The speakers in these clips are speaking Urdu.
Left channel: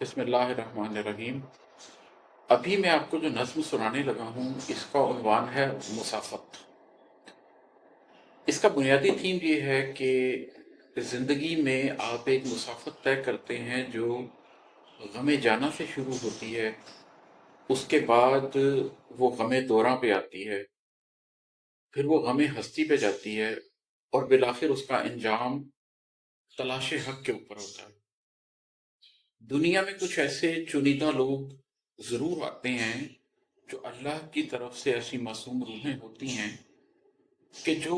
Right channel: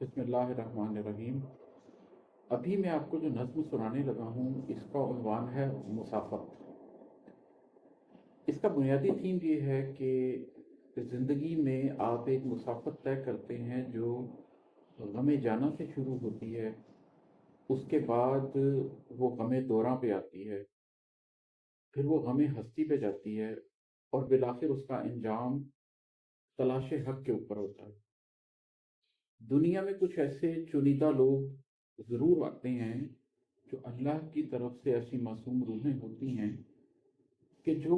بسم اللہ الرحمن الرحیم۔ ابھی میں آپ کو جو نظم سنانے لگا ہوں اس کا عنوان ہے مسافت۔ اس کا بنیادی تھیم یہ ہے کہ زندگی میں آپ ایک مسافت طے کرتے ہیں جو غم جانا سے شروع ہوتی ہے، اس کے بعد وہ غم دوراں پہ آتی ہے، پھر وہ غم ہستی پہ جاتی ہے، اور بالآخر اس کا انجام تلاش حق کے اوپر ہوتا ہے۔ دنیا میں کچھ ایسے چنیدہ لوگ ضرور آتے ہیں جو اللہ کی طرف سے ایسی معصوم روحیں ہوتی ہیں کہ جو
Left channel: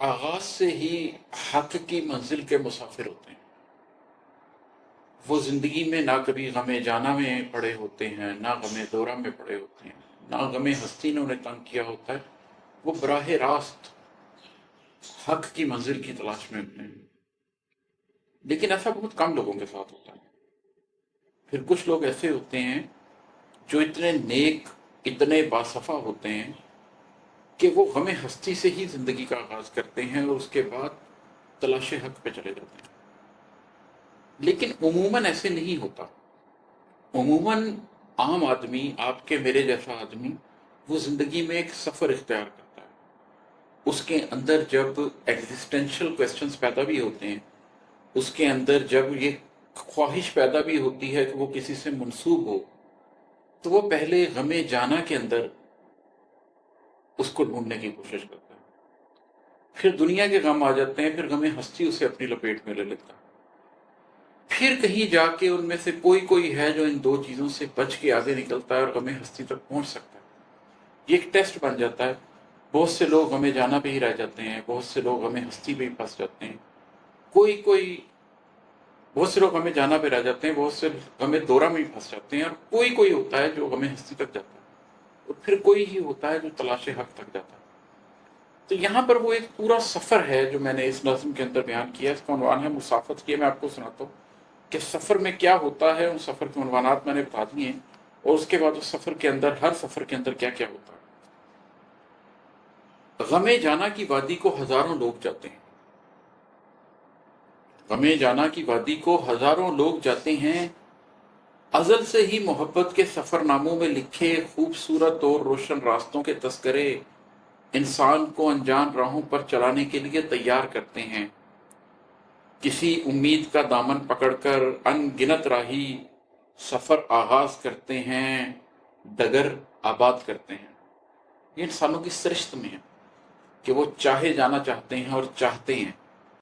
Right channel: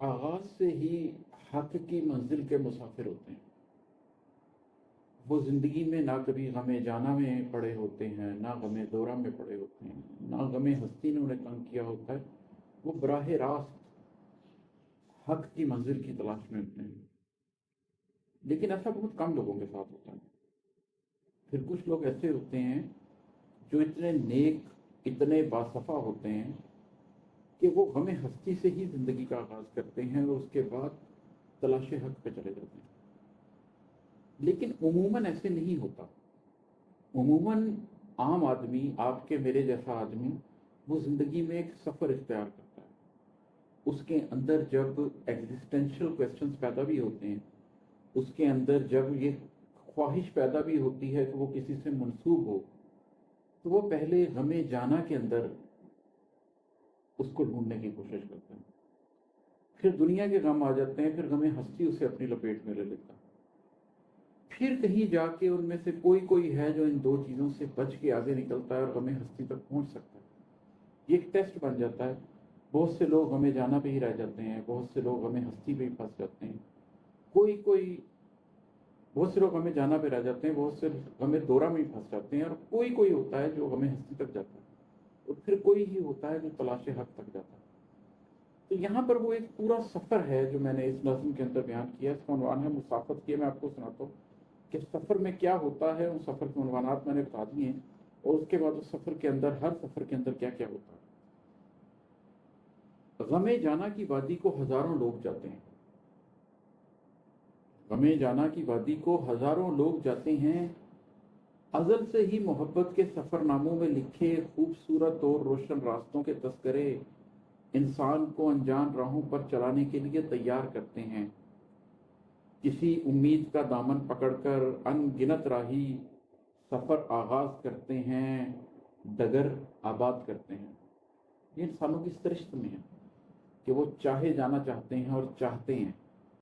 آغاز سے ہی حق کی منزل کے مسافر ہوتے ہیں۔ وہ زندگی میں نہ کبھی غم جانا میں پڑے ہوتے ہیں، نہ غم دورہ میں پڑے ہوتے ہیں، نہ غم ہستی نے انہیں تنگ کیا ہوتا ہے۔ وہ براہ راست حق کی منزل کی تلاش میں ہوتے ہیں، لیکن ایسا بہت کم لوگوں کے ساتھ ہوتا ہے۔ پھر کچھ لوگ ایسے ہوتے ہیں جو اتنے نیک، اتنے باصفا ہوتے ہیں کہ وہ غم ہستی سے ہی زندگی کا آغاز کرتے ہیں اور اس کے بعد تلاش حق پہ چلے جاتے ہیں۔ لیکن عموماً ایسے نہیں ہوتا۔ عموماً عام آدمی، آپ کے میرے جیسا آدمی، وہ زندگی میں ایک سفر اختیار کرتا ہے۔ اس کے اندر جب ایگزسٹینشل کویسچنز پیدا بھی ہوتے ہیں، اس کے اندر جب یہ خواہش پیدا بھی ہوتی ہے کہ وہ کسی سے منسوب ہو، تو وہ پہلے غم جانا کے اندر اس کو ڈھونڈنے کی کوشش کرتا ہے۔ پھر دنیا کے غم آ جاتے ہیں، پھر غم ہستی اسے اپنی لپیٹ میں لے لیتا ہے۔ پھر کہیں جا کے ان میں سے کوئی ہے جو ان دو چیزوں سے بچ کے آگے نکلتا ہے اور غم ہستی تک پہنچ سکتا ہے۔ یہ ایک ٹیسٹ بن جاتا ہے۔ بہت سے لوگ غم جانا پہ ہی رہ جاتے ہیں، بہت سے لوگ غم ہستی پہ ہی پھنس جاتے ہیں، بہت سے لوگ غم جانا پہ رہ جاتے ہیں، بہت سے غم دورہ میں ہی پھنس جاتے ہیں، اور کوئی ہوتا ہے جو غم ہستی تک جاتا ہے، اور پھر کوئی ہی ہوتا ہے جو تلاش حق تک جاتا ہے۔ تو یہاں پر وہ ایک پورا سفر ہے جو میں نے اس نظم کے اندر بیان کیا ہے۔ اس کا عنوان ہے مسافت کی۔ میں آپ کو سناتا ہوں کہ سفر میں کیا ہوتا ہے۔ ان سفر کے عنوانات میں نے بتا دیے ہیں، اور اس کے بعد اس سفر کے اندر، ہر سفر کے اندر کیا کیا ہوتا ہے۔ غم جانا کی وادی کو ہزاروں لوگ جاتے ہیں۔ غم جانا کی وادی کو ہزاروں لوگ جاتے ہیں۔ ازل سے ہی محبت کے سفر ناموں میں لکھے خوبصورت اور روشن راستوں کے تذکرے انسان کو انجان راہوں پر چلانے کے لیے تیار کرتے ہیں۔ کسی امید کا دامن پکڑ کر ان گنت راہی سفر آغاز کرتے ہیں، ڈگر آباد کرتے ہیں۔ یہ انسانوں کی سرشت میں ہے کہ وہ چاہے جانا چاہتے ہیں اور چاہتے ہیں